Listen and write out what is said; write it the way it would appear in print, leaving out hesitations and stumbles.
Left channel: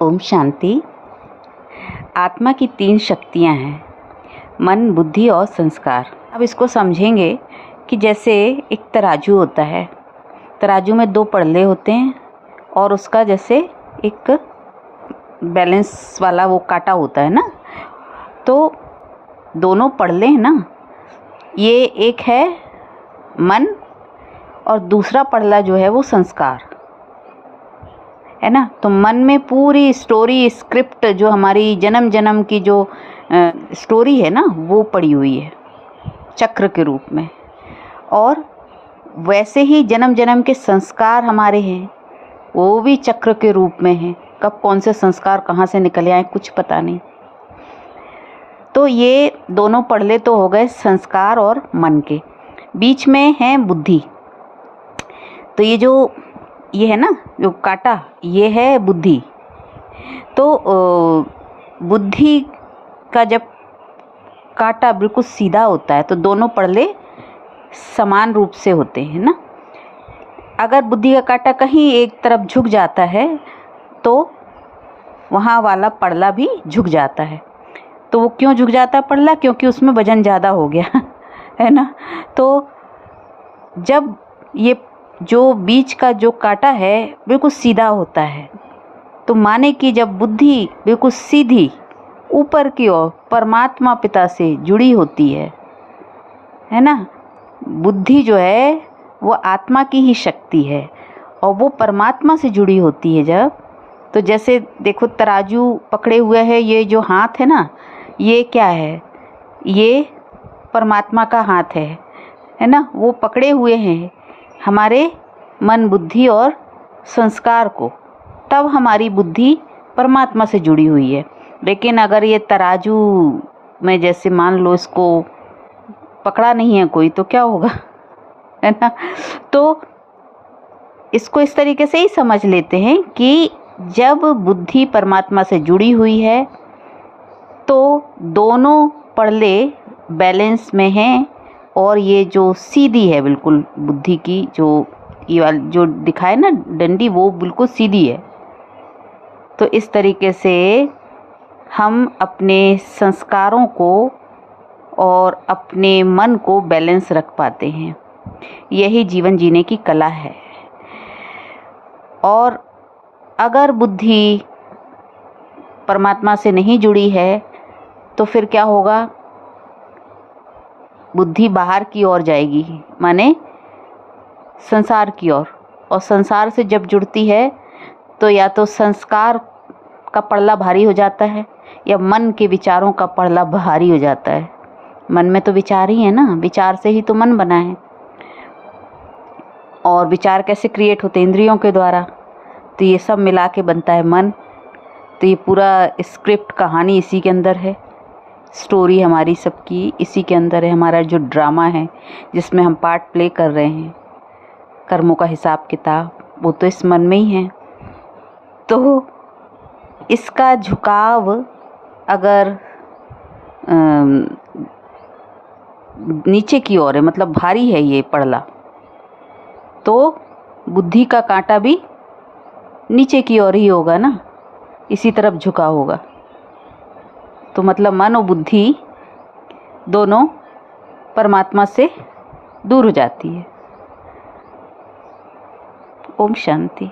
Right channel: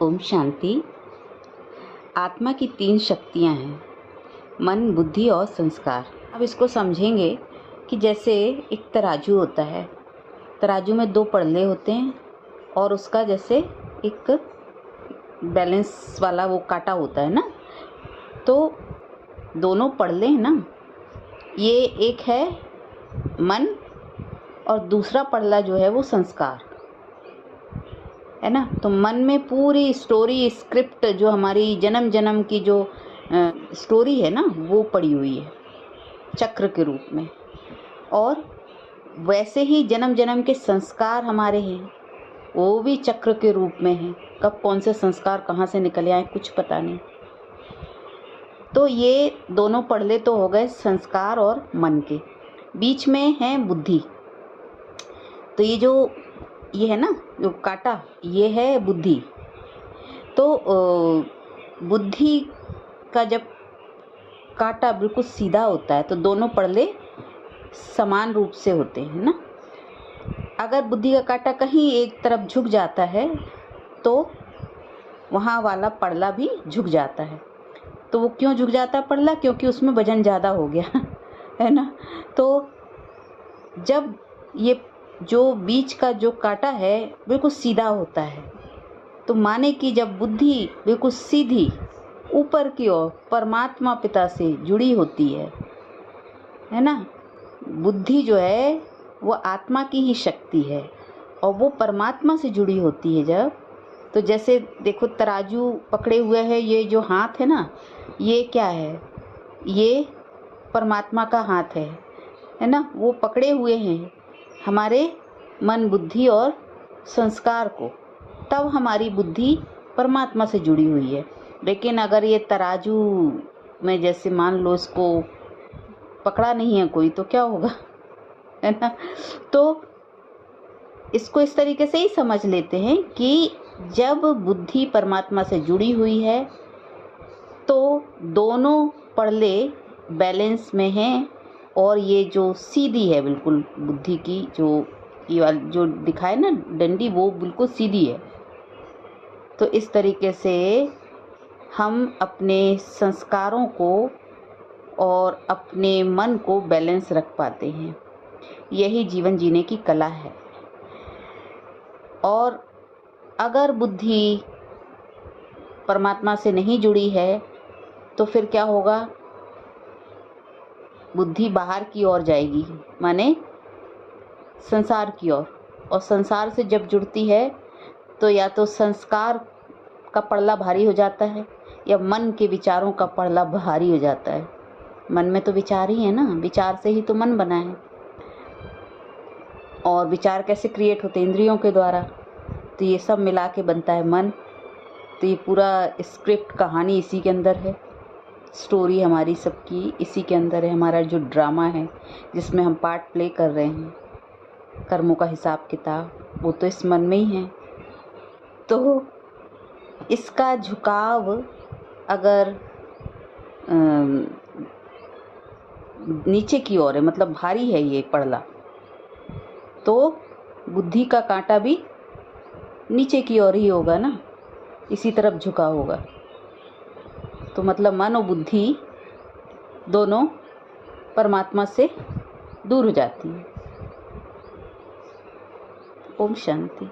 ओम शांति। आत्मा की 3 शक्तियाँ हैं, मन, बुद्धि और संस्कार। अब इसको समझेंगे कि जैसे एक तराजू होता है, तराजू में 2 पड़ले होते हैं और उसका जैसे एक बैलेंस वाला वो कांटा होता है ना, तो दोनों पड़ले हैं ना, ये एक है मन और दूसरा पड़ला जो है वो संस्कार है ना। तो मन में पूरी स्टोरी स्क्रिप्ट जो हमारी जन्म जन्म की जो स्टोरी है ना, वो पड़ी हुई है चक्र के रूप में। और वैसे ही जन्म जन्म के संस्कार हमारे हैं, वो भी चक्र के रूप में हैं। कब कौन से संस्कार कहाँ से निकले आए कुछ पता नहीं। तो ये दोनों पड़ले तो हो गए संस्कार और मन के। बीच में है बुद्धि। तो ये है ना जो कांटा, ये है बुद्धि। तो बुद्धि का जब कांटा बिल्कुल सीधा होता है तो दोनों पड़ले समान रूप से होते हैं ना। अगर बुद्धि का कांटा कहीं एक तरफ झुक जाता है तो वहाँ वाला पड़ला भी झुक जाता है। तो वो क्यों झुक जाता है पड़ला? क्योंकि उसमें वजन ज़्यादा हो गया है ना। तो जब ये जो बीच का जो कांटा है बिल्कुल सीधा होता है, तो माने कि जब बुद्धि बिल्कुल सीधी ऊपर की ओर परमात्मा पिता से जुड़ी होती है ना। बुद्धि जो है वो आत्मा की ही शक्ति है और वो परमात्मा से जुड़ी होती है जब। तो जैसे देखो तराजू पकड़े हुए है, ये जो हाथ है ना, ये क्या है? ये परमात्मा का हाथ है ना। वो पकड़े हुए हैं हमारे मन, बुद्धि और संस्कार को, तब हमारी बुद्धि परमात्मा से जुड़ी हुई है। लेकिन अगर ये तराजू में जैसे मान लो इसको पकड़ा नहीं है कोई, तो क्या होगा है ना। तो इसको इस तरीके से ही समझ लेते हैं कि जब बुद्धि परमात्मा से जुड़ी हुई है तो दोनों पड़ले बैलेंस में हैं और ये जो सीधी है बिल्कुल बुद्धि की, जो ये वाली जो दिखाए ना डंडी, वो बिल्कुल सीधी है। तो इस तरीके से हम अपने संस्कारों को और अपने मन को बैलेंस रख पाते हैं। यही जीवन जीने की कला है। और अगर बुद्धि परमात्मा से नहीं जुड़ी है तो फिर क्या होगा? बुद्धि बाहर की ओर जाएगी, माने संसार की ओर। और संसार से जब जुड़ती है तो या तो संस्कार का पड़ला भारी हो जाता है या मन के विचारों का पड़ला भारी हो जाता है। मन में तो विचार ही है ना, विचार से ही तो मन बना है। और विचार कैसे क्रिएट होते? इंद्रियों के द्वारा। तो ये सब मिला के बनता है मन। तो ये पूरा स्क्रिप्ट कहानी इसी के अंदर है, स्टोरी हमारी सबकी इसी के अंदर है। हमारा जो ड्रामा है जिसमें हम पार्ट प्ले कर रहे हैं, कर्मों का हिसाब किताब, वो तो इस मन में ही है। तो इसका झुकाव अगर नीचे की ओर है, मतलब भारी है ये पड़ला, तो बुद्धि का कांटा भी नीचे की ओर ही होगा ना, इसी तरफ झुका होगा। तो मतलब मन और बुद्धि दोनों परमात्मा से दूर हो जाती है। ओम शांति।